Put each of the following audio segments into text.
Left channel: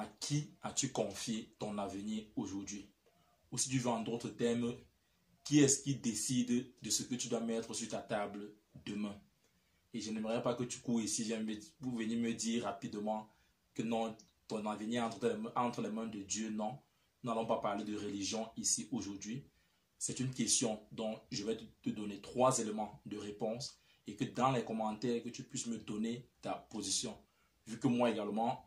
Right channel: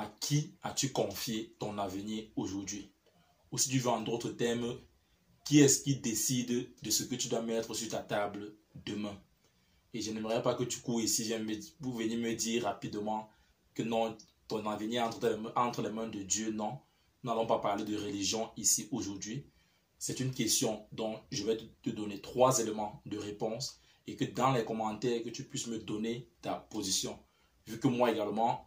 à qui as-tu confié ton avenir aujourd'hui? Ou si tu veux en d'autres termes, qui est-ce qui décide de ce que tu dois mettre sur ta table demain? Et je n'aimerais pas que tu cours ici, vous venez me dire rapidement que non, ton avenir entre les mains de Dieu. Non, nous n'allons pas parler de religion ici aujourd'hui. C'est une question dont je vais te donner 3 éléments de réponse et que dans les commentaires, que tu puisses me donner ta position. Vu que moi également,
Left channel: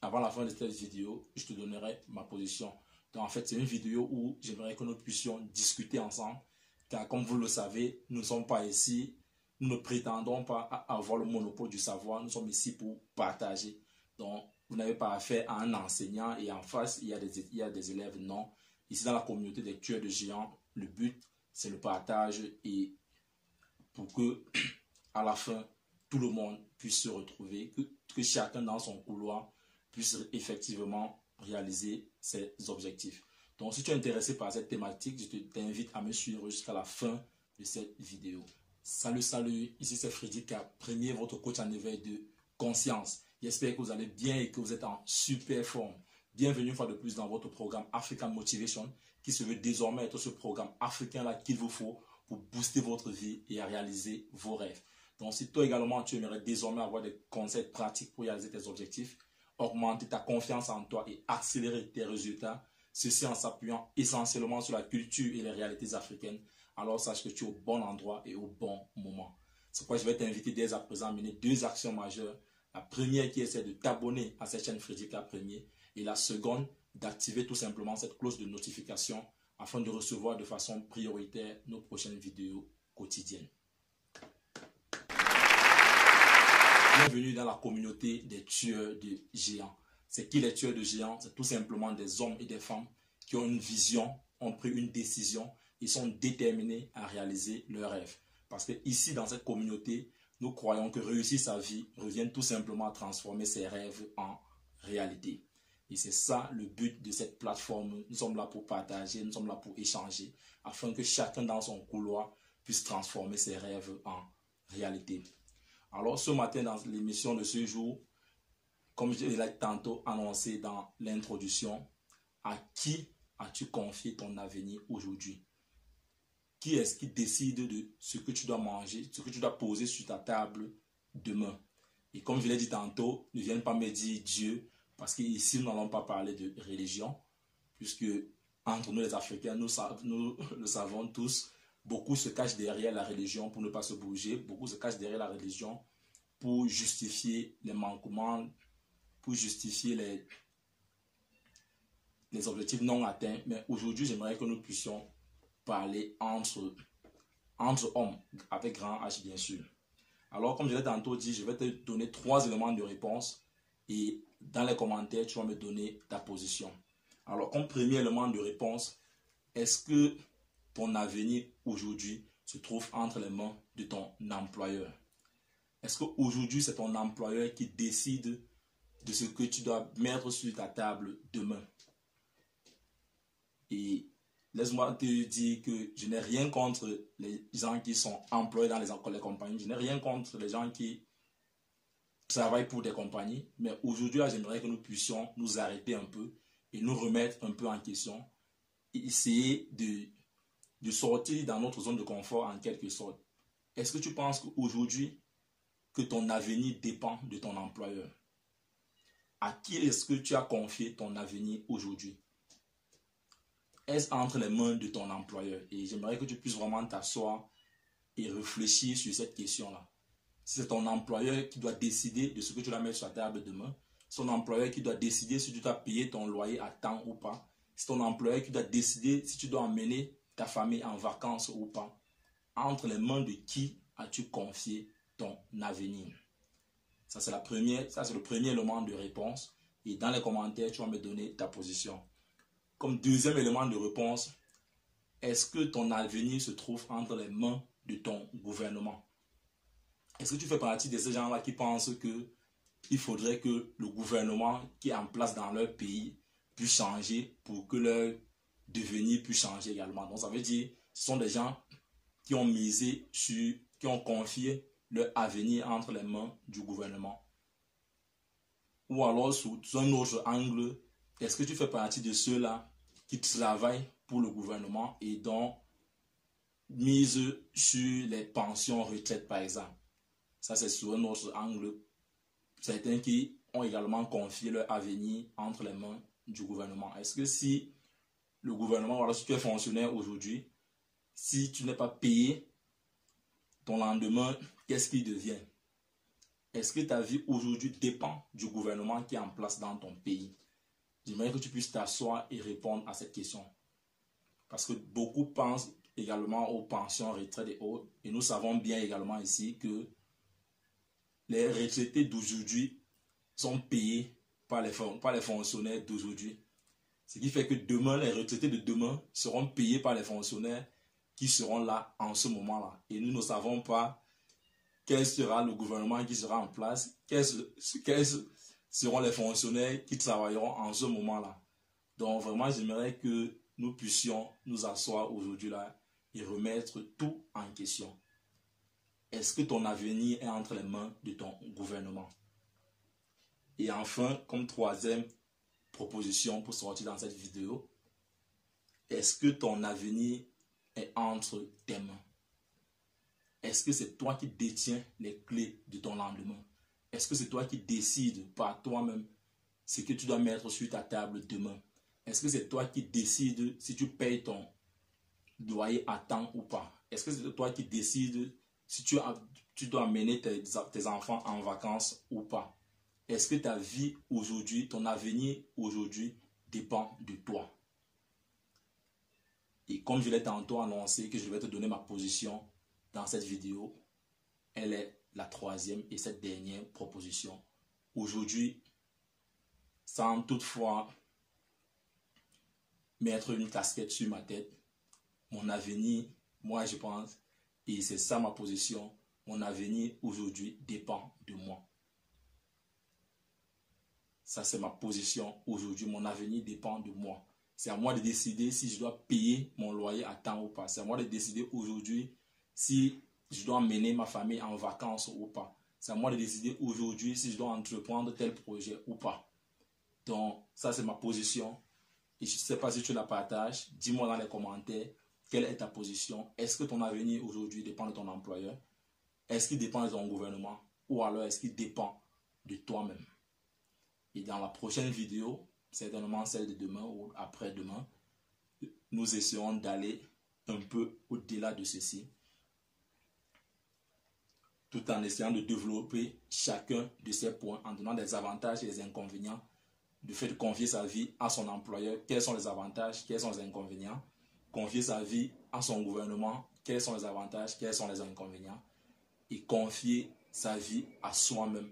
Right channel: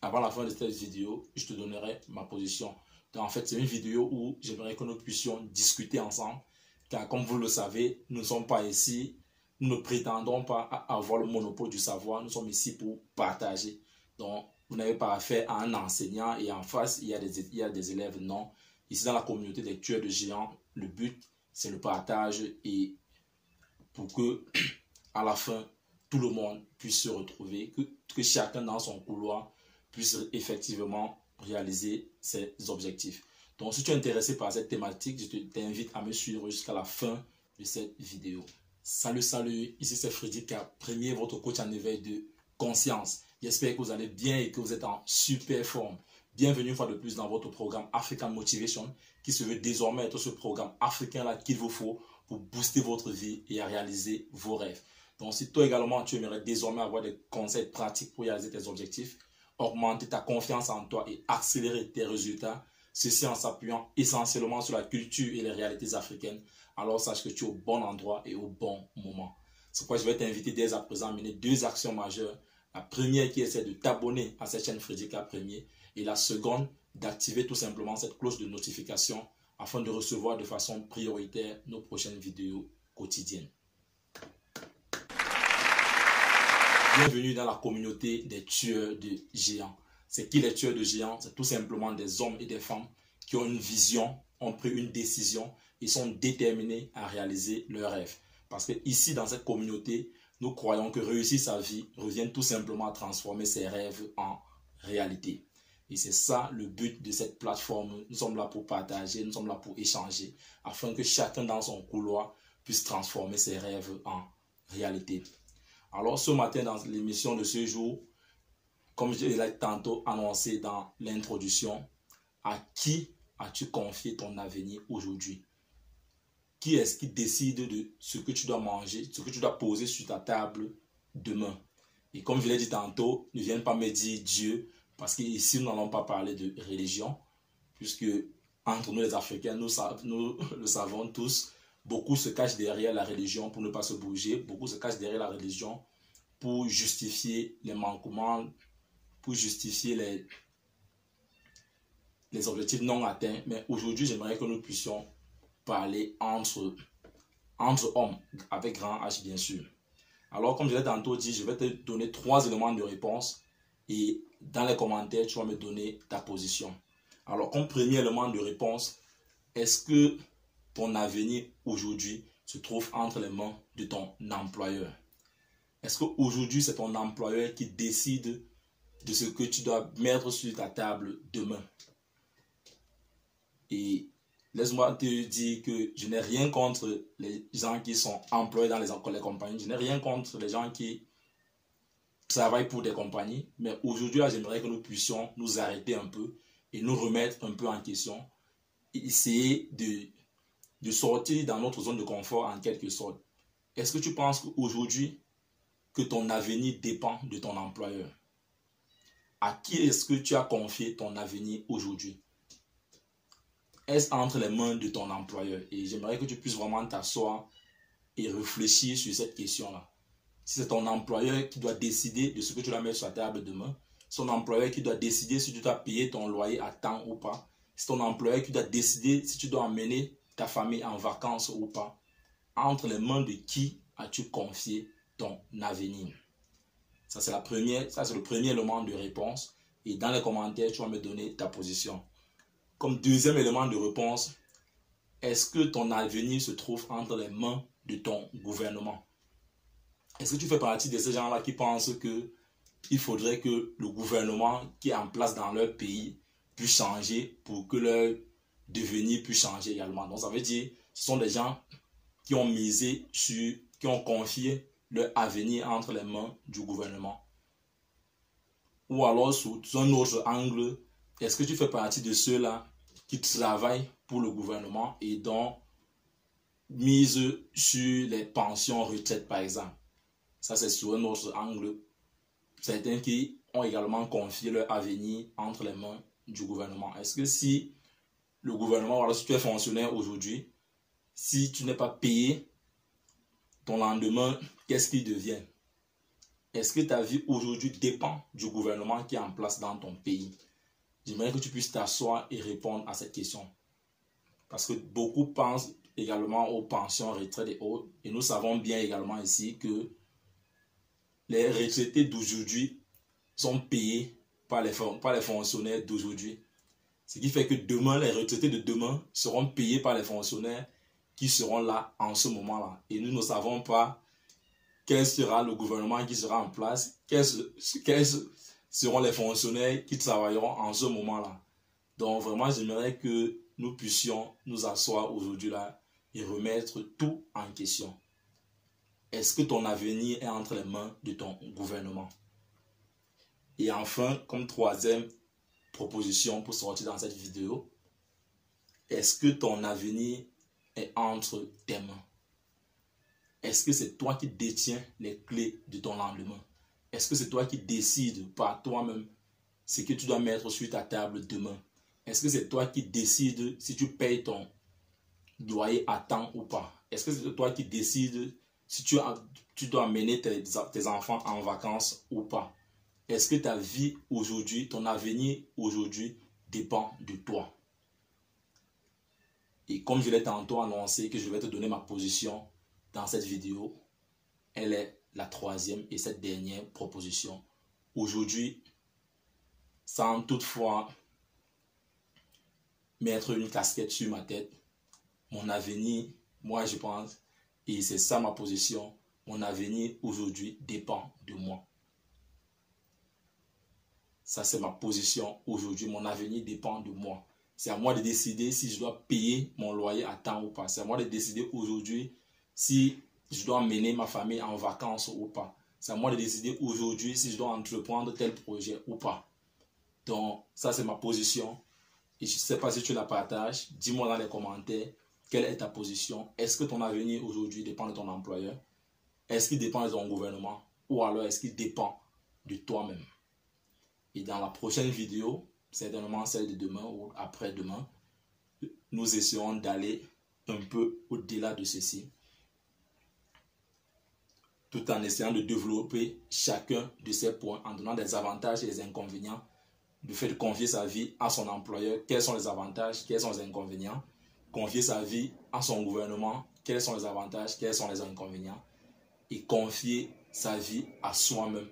avant la fin de cette vidéo, je te donnerai ma position. Donc en fait, c'est une vidéo où j'aimerais que nous puissions discuter ensemble. Car comme vous le savez, nous ne sommes pas ici, nous ne prétendons pas avoir le monopole du savoir. Nous sommes ici pour partager. Donc, vous n'avez pas affaire à un enseignant et en face, il y a des élèves. Non. Ici, dans la communauté des tueurs de géants, le but, c'est le partage et pour que, à la fin, tout le monde puisse se retrouver, que chacun dans son couloir puisse effectivement réaliser ses objectifs. Donc, si tu es intéressé par cette thématique, je t'invite à me suivre jusqu'à la fin de cette vidéo. Salut, salut, ici c'est Freddy K, premier votre coach en éveil de conscience. J'espère que vous allez bien et que vous êtes en super forme. Bienvenue une fois de plus dans votre programme African Motivation qui se veut désormais être ce programme africain-là qu'il vous faut pour booster votre vie et à réaliser vos rêves. Donc si toi également tu aimerais désormais avoir des conseils pratiques pour réaliser tes objectifs, augmenter ta confiance en toi et accélérer tes résultats, ceci en s'appuyant essentiellement sur la culture et les réalités africaines, alors sache que tu es au bon endroit et au bon moment. C'est pourquoi je vais t'inviter dès à présent à mener 2 actions majeures. La première qui essaie de t'abonner à cette chaîne Freddy K Premier et la seconde d'activer tout simplement cette cloche de notification afin de recevoir de façon prioritaire nos prochaines vidéos quotidiennes. Bienvenue dans la communauté des tueurs de géants. C'est qui les tueurs de géants? C'est tout simplement des hommes et des femmes qui ont une vision, ont pris une décision et sont déterminés à réaliser leurs rêves. Parce que ici, dans cette communauté, nous croyons que réussir sa vie revient tout simplement à transformer ses rêves en réalité. Et c'est ça le but de cette plateforme. Nous sommes là pour partager, nous sommes là pour échanger, afin que chacun dans son couloir puisse transformer ses rêves en réalité. Alors ce matin, dans l'émission de ce jour, comme je l'ai tantôt annoncé dans l'introduction, à qui as-tu confié ton avenir aujourd'hui? Qui est-ce qui décide de ce que tu dois manger, ce que tu dois poser sur ta table demain? Et comme je l'ai dit tantôt, ne viens pas me dire Dieu, parce qu'ici, nous n'allons pas parler de religion, puisque entre nous les Africains, nous le savons tous, beaucoup se cachent derrière la religion pour ne pas se bouger, beaucoup se cachent derrière la religion pour justifier les manquements, pour justifier les objectifs non atteints. Mais aujourd'hui, j'aimerais que nous puissions parler entre hommes, avec grand H bien sûr. Alors comme je l'ai tantôt dit, je vais te donner 3 éléments de réponse et dans les commentaires, tu vas me donner ta position. Alors comme premier élément de réponse, est-ce que ton avenir aujourd'hui se trouve entre les mains de ton employeur? Est-ce qu'aujourd'hui c'est ton employeur qui décide de ce que tu dois mettre sur ta table demain? Et laisse-moi te dire que je n'ai rien contre les gens qui sont employés dans les compagnies. Je n'ai rien contre les gens qui travaillent pour des compagnies. Mais aujourd'hui, j'aimerais que nous puissions nous arrêter un peu et nous remettre un peu en question. Et essayer de sortir dans notre zone de confort en quelque sorte. Est-ce que tu penses qu'aujourd'hui, que ton avenir dépend de ton employeur? À qui est-ce que tu as confié ton avenir aujourd'hui? Est-ce entre les mains de ton employeur? Et j'aimerais que tu puisses vraiment t'asseoir et réfléchir sur cette question-là. Si c'est ton employeur qui doit décider de ce que tu dois mettre sur la table demain, c'est ton employeur qui doit décider si tu dois payer ton loyer à temps ou pas, c'est ton employeur qui doit décider si tu dois emmener ta famille en vacances ou pas. Entre les mains de qui as-tu confié ton avenir? Ça, c'est le premier élément de réponse. Et dans les commentaires, tu vas me donner ta position. Comme deuxième élément de réponse, est-ce que ton avenir se trouve entre les mains de ton gouvernement? Est-ce que tu fais partie de ces gens-là qui pensent qu'il faudrait que le gouvernement qui est en place dans leur pays puisse changer pour que leur devenir puisse changer également? Donc ça veut dire ce sont des gens qui ont misé sur, qui ont confié leur avenir entre les mains du gouvernement. Ou alors sous un autre angle, est-ce que tu fais partie de ceux-là qui travaillent pour le gouvernement et dont mise sur les pensions retraite par exemple? Ça c'est sous un autre angle. Certains qui ont également confié leur avenir entre les mains du gouvernement. Est-ce que si le gouvernement, voilà, si tu es fonctionnaire aujourd'hui, si tu n'es pas payé, ton lendemain, qu'est-ce qui devient? Est-ce que ta vie aujourd'hui dépend du gouvernement qui est en place dans ton pays? J'aimerais que tu puisses t'asseoir et répondre à cette question. Parce que beaucoup pensent également aux pensions, retraites et autres. Et nous savons bien également ici que les retraités d'aujourd'hui sont payés par les fonctionnaires d'aujourd'hui. Ce qui fait que demain, les retraités de demain seront payés par les fonctionnaires qui seront là en ce moment-là. Et nous ne savons pas quel sera le gouvernement qui sera en place, quels seront les fonctionnaires qui travailleront en ce moment-là. Donc vraiment, j'aimerais que nous puissions nous asseoir aujourd'hui là et remettre tout en question. Est-ce que ton avenir est entre les mains de ton gouvernement? Et enfin, comme troisième proposition pour sortir dans cette vidéo, est-ce que ton avenir est entre tes mains? Est-ce que c'est toi qui détiens les clés de ton lendemain? Est-ce que c'est toi qui décides par toi-même ce que tu dois mettre sur ta table demain? Est-ce que c'est toi qui décides si tu payes ton loyer à temps ou pas? Est-ce que c'est toi qui décides si tu dois amener tes enfants en vacances ou pas? Est-ce que ta vie aujourd'hui, ton avenir aujourd'hui dépend de toi? Et comme je l'ai tantôt annoncé que je vais te donner ma position dans cette vidéo, elle est la troisième et cette dernière proposition. Aujourd'hui, sans toutefois mettre une casquette sur ma tête, mon avenir, moi je pense, et c'est ça ma position, mon avenir aujourd'hui dépend de moi. Ça c'est ma position aujourd'hui, mon avenir dépend de moi. C'est à moi de décider si je dois payer mon loyer à temps ou pas. C'est à moi de décider aujourd'hui si je dois emmener ma famille en vacances ou pas. C'est à moi de décider aujourd'hui si je dois entreprendre tel projet ou pas. Donc, ça c'est ma position. Et je ne sais pas si tu la partages. Dis-moi dans les commentaires quelle est ta position. Est-ce que ton avenir aujourd'hui dépend de ton employeur? Est-ce qu'il dépend de ton gouvernement? Ou alors est-ce qu'il dépend de toi-même? Et dans la prochaine vidéo, certainement celle de demain ou après-demain, nous essaierons d'aller un peu au-delà de ceci, tout en essayant de développer chacun de ces points, en donnant des avantages et des inconvénients du fait de confier sa vie à son employeur, quels sont les avantages, quels sont les inconvénients, confier sa vie à son gouvernement, quels sont les avantages, quels sont les inconvénients, et confier sa vie à soi-même,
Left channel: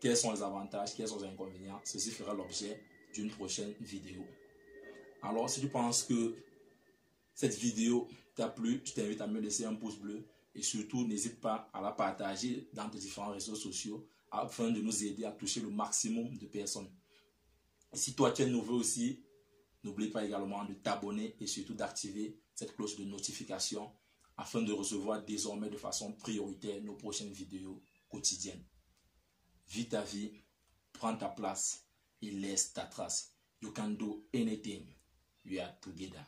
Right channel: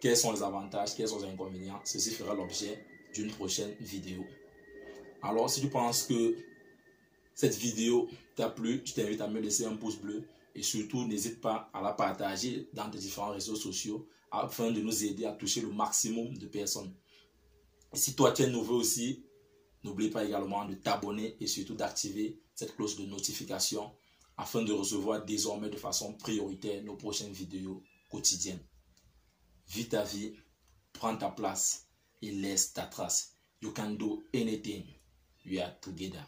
quels sont les avantages, quels sont les inconvénients. Ceci fera l'objet d'une prochaine vidéo. Alors, si tu penses que cette vidéo t'a plu, je t'invite à me laisser un pouce bleu et surtout, n'hésite pas à la partager dans tes différents réseaux sociaux afin de nous aider à toucher le maximum de personnes. Et si toi, tu es nouveau aussi, n'oublie pas également de t'abonner et surtout d'activer cette cloche de notification afin de recevoir désormais de façon prioritaire nos prochaines vidéos quotidiennes. Vis ta vie, prends ta place et laisse ta trace. You can do anything. We are together.